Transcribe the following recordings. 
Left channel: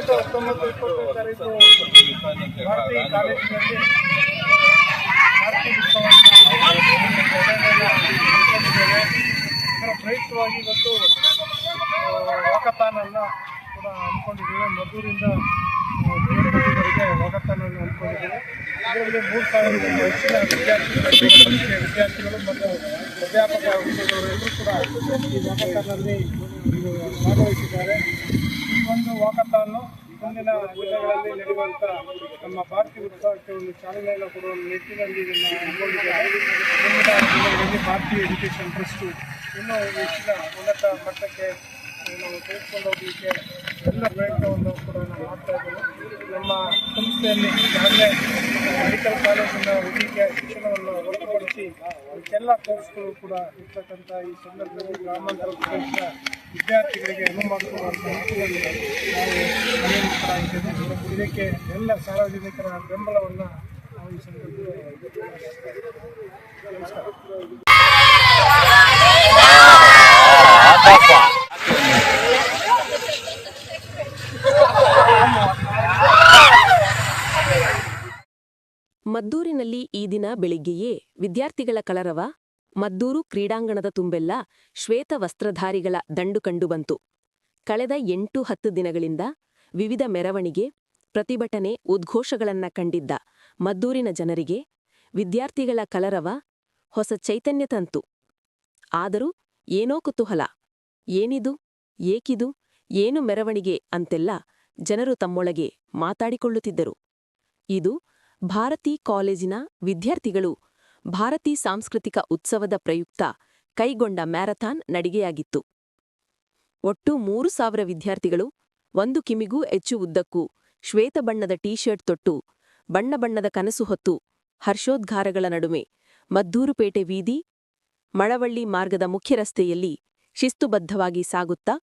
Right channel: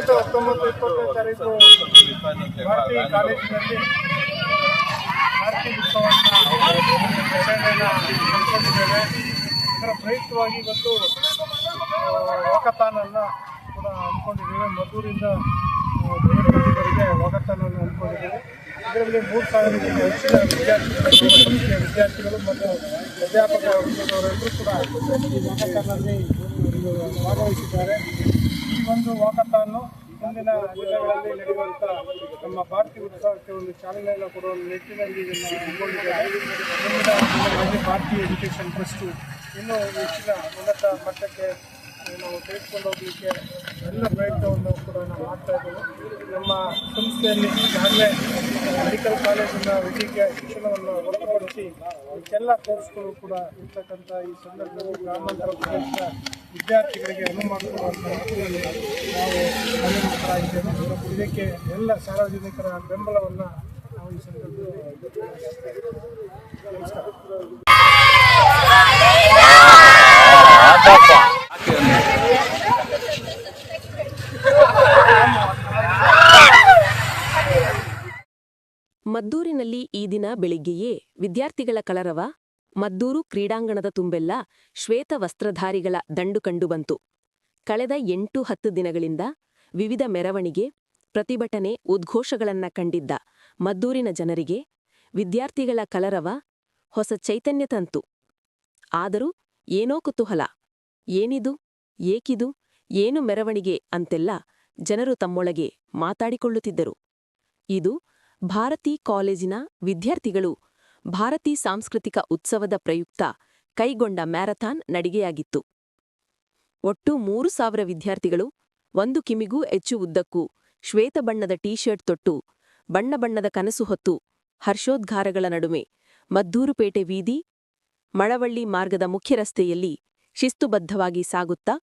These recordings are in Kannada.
18, 19, 20 ತಾರೀಕು ಭಾರತಿ ಕಾಲೇಜಿನಲ್ಲಿ ಆರತಿ ಉತ್ಸವವನ್ನು ಆಚರಣೆಯನ್ನು ಹಮ್ಮಿಕೊಂಡಿದ್ದೇವೆ. ಇದರ ಪ್ರಯುಕ್ತವಾಗಿ ಇವತ್ತು ವಾಕಥಾನನ್ನು ಕೂಡ ಹಮ್ಮಿಕೊಂಡಿದ್ದೇವೆ. ಮದ್ದೂರಿಂದ ಬೇರ್ಪಟ್ಟಿವರೆಗೆ ವಾಕಥಾನವನ್ನು ಹಮ್ಮಿಕೊಂಡಿದ್ದೇವೆ. ಇದರಲ್ಲಿ 3,000ಕ್ಕೂ ಹೆಚ್ಚಿನ ವಿದ್ಯಾರ್ಥಿಗಳು ಮತ್ತು ಅಧ್ಯಾಪಕ ವೃಂದದವರೆಲ್ಲರೂ ಕೂಡ ಈ ವಾಕಥಾನಲ್ಲಿ ಭಾಗವಹಿಸಿದ್ದಾರೆ. ಈ ಒಂದು ವಾಕಥಾನು ಮುಂದಿನ ದಿನಗಳಲ್ಲಿ ನಡೆಯುವಂಥ ನಮ್ಮ ಭಾರತಿ ಉತ್ಸವಕ್ಕೆ ಒಂದು ಚಾಲನೆಯನ್ನು ಕೊಡುವ ನಿಟ್ಟಿನಲ್ಲಿ ಇದನ್ನು ಹಮ್ಮಿಕೊಂಡಿದ್ದೇವೆ. ಮುಂದಿನ ದಿನಗಳಲ್ಲಿ ಭಾರತೀಯ ಎಜುಕೇಷನ್ ಟ್ರಸ್ಟು ಇನ್ನೂ ಹೆಚ್ಚಿನ ಉನ್ನತ ಮಟ್ಟಕ್ಕೆ ನಾವು ತೆಗೆದುಕೊಂಡು ಹೋಗಲಿಕ್ಕೆ ಎಲ್ಲ ಪ್ರಯತ್ನವನ್ನು ಕೂಡ ನಾವು ಮಾಡ್ತಾ ಇದ್ದೇವೆ. ನಮ್ಮ ಸಂಸ್ಥೆಯಲ್ಲಿ ಈಗಾಗಲೇ ಮೆಡಿಕಲ್ ಕಾಲೇಜಿನ ವೈದ್ಯಕೀಯ ಶಿಕ್ಷಣವನ್ನು ಹೊರತುಪಡಿಸಿ ಎಲ್ಲ ಕೋರ್ಸ್ಗಳು ಕೂಡ ಇರ್ತಕ್ಕಂಥ ಈ ಸಂದರ್ಭದಲ್ಲಿ ಗ್ರಾಮಾಂತರ ಪ್ರದೇಶದ ವಿದ್ಯಾರ್ಥಿಗಳಿಗೆ ಅನುವು ಮಾಡಿಕೊಡುವಂಥ ನಿಟ್ಟಿನಲ್ಲಿ ನಾವು ಕಾರ್ಯನಿರತರಾಗಿದ್ದೇವೆ. ಇದಕ್ಕೆ ಎಲ್ಲ ಸಾರ್ವಜನಿಕರ ಬೆಂಬಲವನ್ನು ನಾವು ಈ ಸಂದರ್ಭದಲ್ಲಿ ನಮಸ್ಕಾರ. ಮದ್ದೂರಿನಲ್ಲಿ ಈ ದಿನ ಬೆಳಿಗ್ಗೆಯೇ ವಿದ್ಯಾರ್ಥಿಗಳ ಕಲರವ, ಮದ್ದೂರು ಕ್ರೀಡಾಂಗಣದ ತುಂಬೆಲ್ಲ ಶ್ವೇತ ವಸ್ತ್ರಧಾರಿಗಳ ದಂಡು ಕಂಡುಬಂತು. ಕಳೆದ 8-10 ದಿನಗಳಿಂದ ವಿವಿಧ ಮೆರವಣಿಗೆ, ಪ್ರತಿಭಟನೆ, ಉದ್ಘೋಷಗಳನ್ನ ಕಂಡಿದ್ದ ಮದ್ದೂರಿನ ಜನರಿಗೆ ವಿದ್ಯಾರ್ಥಿಗಳ ಕಲರವ ಹೊಸ ಚೈತನ್ಯ ತಂತು. ಆದರೂ ಏನೋ ಕುತೂಹಲ, ಏನಿದು, ಏಕಿದು, ಏನು ಮೆರವಣಿಗೆ ಅಂತೆಲ್ಲ ಜನರು ತಮ್ಮೊಳಗೆ ಮಾತಾಡಿಕೊಳ್ಳುತ್ತಿದ್ದರು. ಇದು ಭಾರತಿ ಕಾಲೇಜಿನ ವಿದ್ಯಾರ್ಥಿಗಳು ಭಾರತೀ ಸಾಂಸ್ಕೃತಿಕ ಉತ್ಸವದ ಪ್ರಯುಕ್ತ ಕೈಗೊಂಡ ಮ್ಯಾರಥಾನ್ ನಡಿಗೆಯಾಗಿತ್ತು. ಒಟ್ಟು 3,000 ವಿದ್ಯಾರ್ಥಿಗಳು 1 ಕಿಮಿಗೂ ಹೆಚ್ಚು ಉದ್ದಕ್ಕೂ ಶ್ವೇತ ಬಣ್ಣದ ಟೀ ಶರ್ಟ್ ತೊಟ್ಟು ಬಣ್ಣ ಬಣ್ಣದ ಕನಸು ಹೊತ್ತು ಹರ್ಷೋದ್ಗಾರಗಳ ನಡುವೆ ಮದ್ದೂರುಪೇಟೆ ವೀದಿ, ಮಳವಳ್ಳಿ ಮಾರ್ಗದ ಮುಖ್ಯ ರಸ್ತೆಯಲ್ಲಿ ಶಿಸ್ತುಬದ್ಧವಾಗಿ ಸಾಗುತ್ತಾ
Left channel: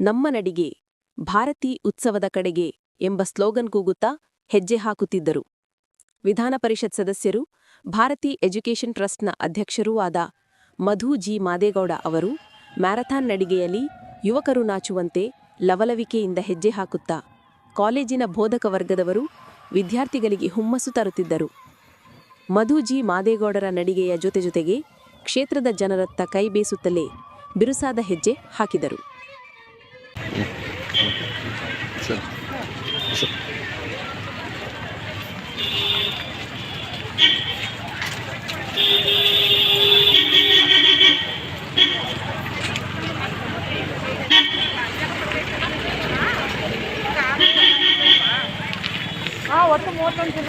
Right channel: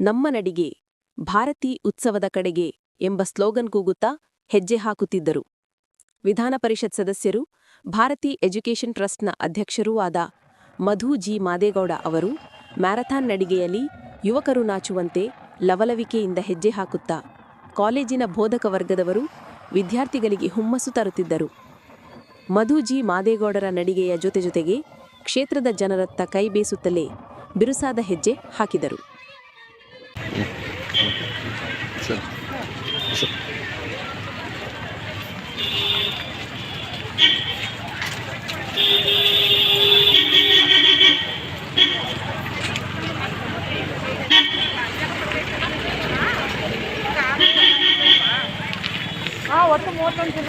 ನಮ್ಮ ನಡಿಗೆ ಭಾರತೀ ಉತ್ಸವದ ಕಡೆಗೆ ಎಂಬ ಸ್ಲೋಗನ್ ಕೂಗುತ್ತಾ ಹೆಜ್ಜೆ ಹಾಕುತ್ತಿದ್ದರು. ವಿಧಾನ ಪರಿಷತ್ ಸದಸ್ಯರು, ಭಾರತೀ ಎಜುಕೇಷನ್ ಟ್ರಸ್ಟ್ನ ಅಧ್ಯಕ್ಷರೂ ಆದ ಮಧು ಜಿ ಮಾದೇಗೌಡ ಅವರು ಮ್ಯಾರಥಾನ್ ನಡಿಗೆಯಲ್ಲಿ ಯುವಕರು ನಾಚುವಂತೆ ಲವಲವಿಕೆಯಿಂದ ಹೆಜ್ಜೆ ಹಾಕುತ್ತಾ ಕಾಲೇಜಿನ ಬೋಧಕ ವರ್ಗದವರು ವಿದ್ಯಾರ್ಥಿಗಳಿಗೆ ಹುಮ್ಮಸ್ಸು ತರುತ್ತಿದ್ದರು. ಮಧು ಜಿ ಮಾದೇಗೌಡರ ನಡಿಗೆಯ ಜೊತೆಗೆ ಕ್ಷೇತ್ರದ ಜನರತ್ತ ಕೈ ಬೇಸುತ್ತಲೇ ಬಿರುಸಾದ ಹೆಜ್ಜೆ ಹಾಕಿದರು. ಒಟ್ಟು 31 ಜನ.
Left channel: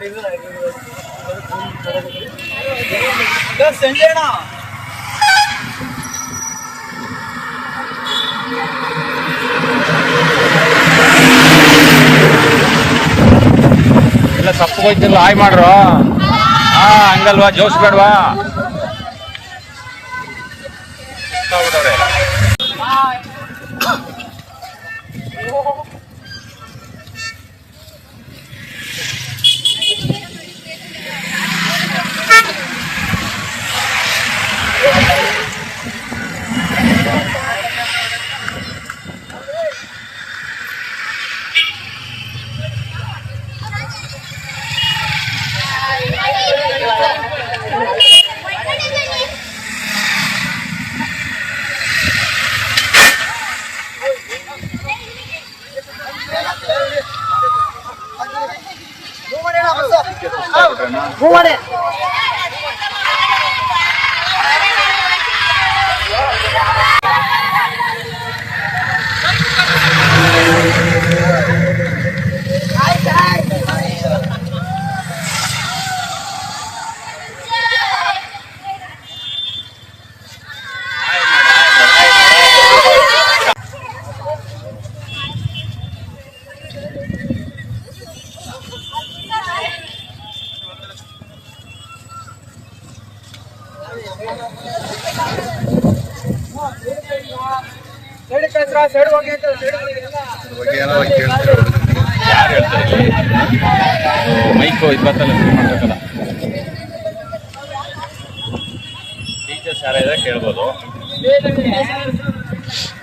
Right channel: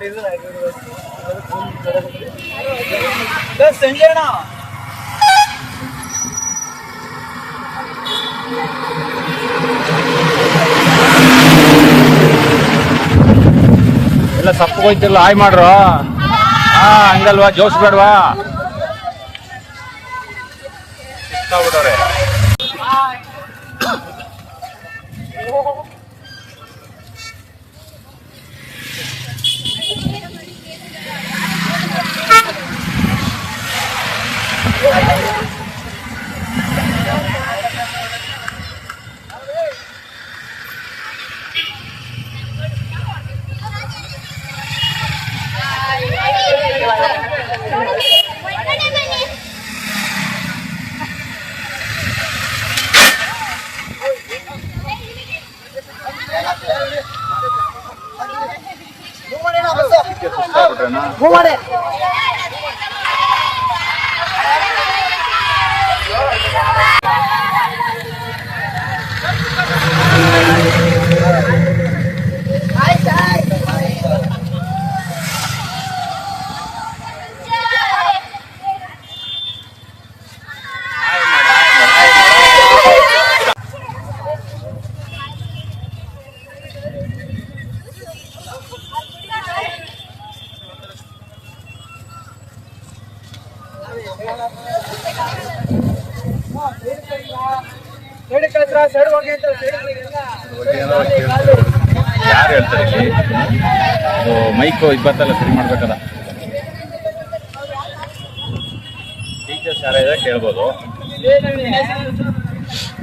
ಎಲ್ಲ ಸಪ್ಪು ಹೋಯ್ತಿಲ್ಲ ಹಾಯ್ ಮಾಡ್ರು. ಹಂಗಲ್ವಾ, ಜೋಶ್ ಬೇಡವಾ? ಬಿಡವ್ರೆ ಯಾರು ಹೇಳ್ತಾರೆ? ಮೈಕ್ ಇಪ್ಪತ್ತೆಲ್ಲ ಶುರು ಮಾಡ್ಬೇಕಲ್ಲ. ಟೀಚರ್ಸ್ ಯಾರಾದ್ರೆ ಕೇಳ್ಬೋದು.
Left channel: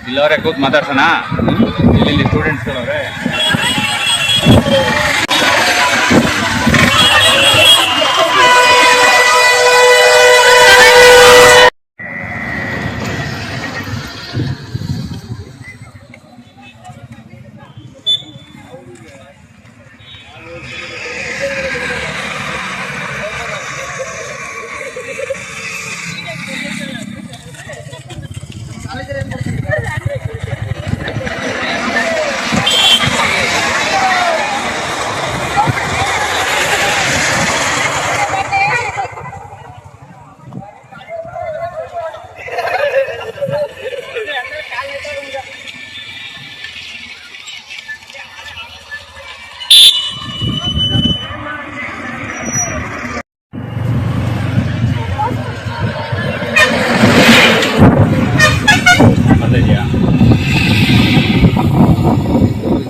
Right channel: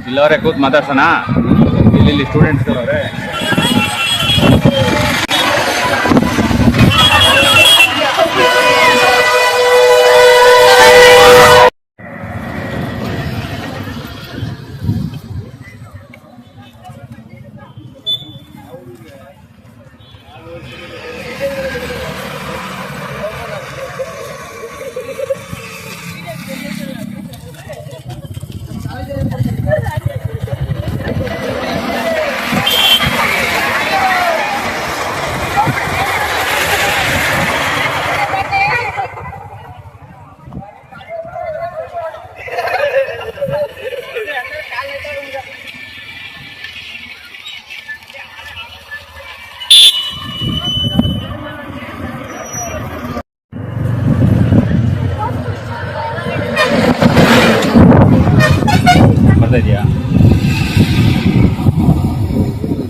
ಇಲ್ಲವರೇ ಕೂತ್ ಮಾತಾಡ್ಸೋಣ. ಇಲ್ಲಿ ಸ್ಟೂಡೆಂಟ್ಸ್ ಅವರೇ.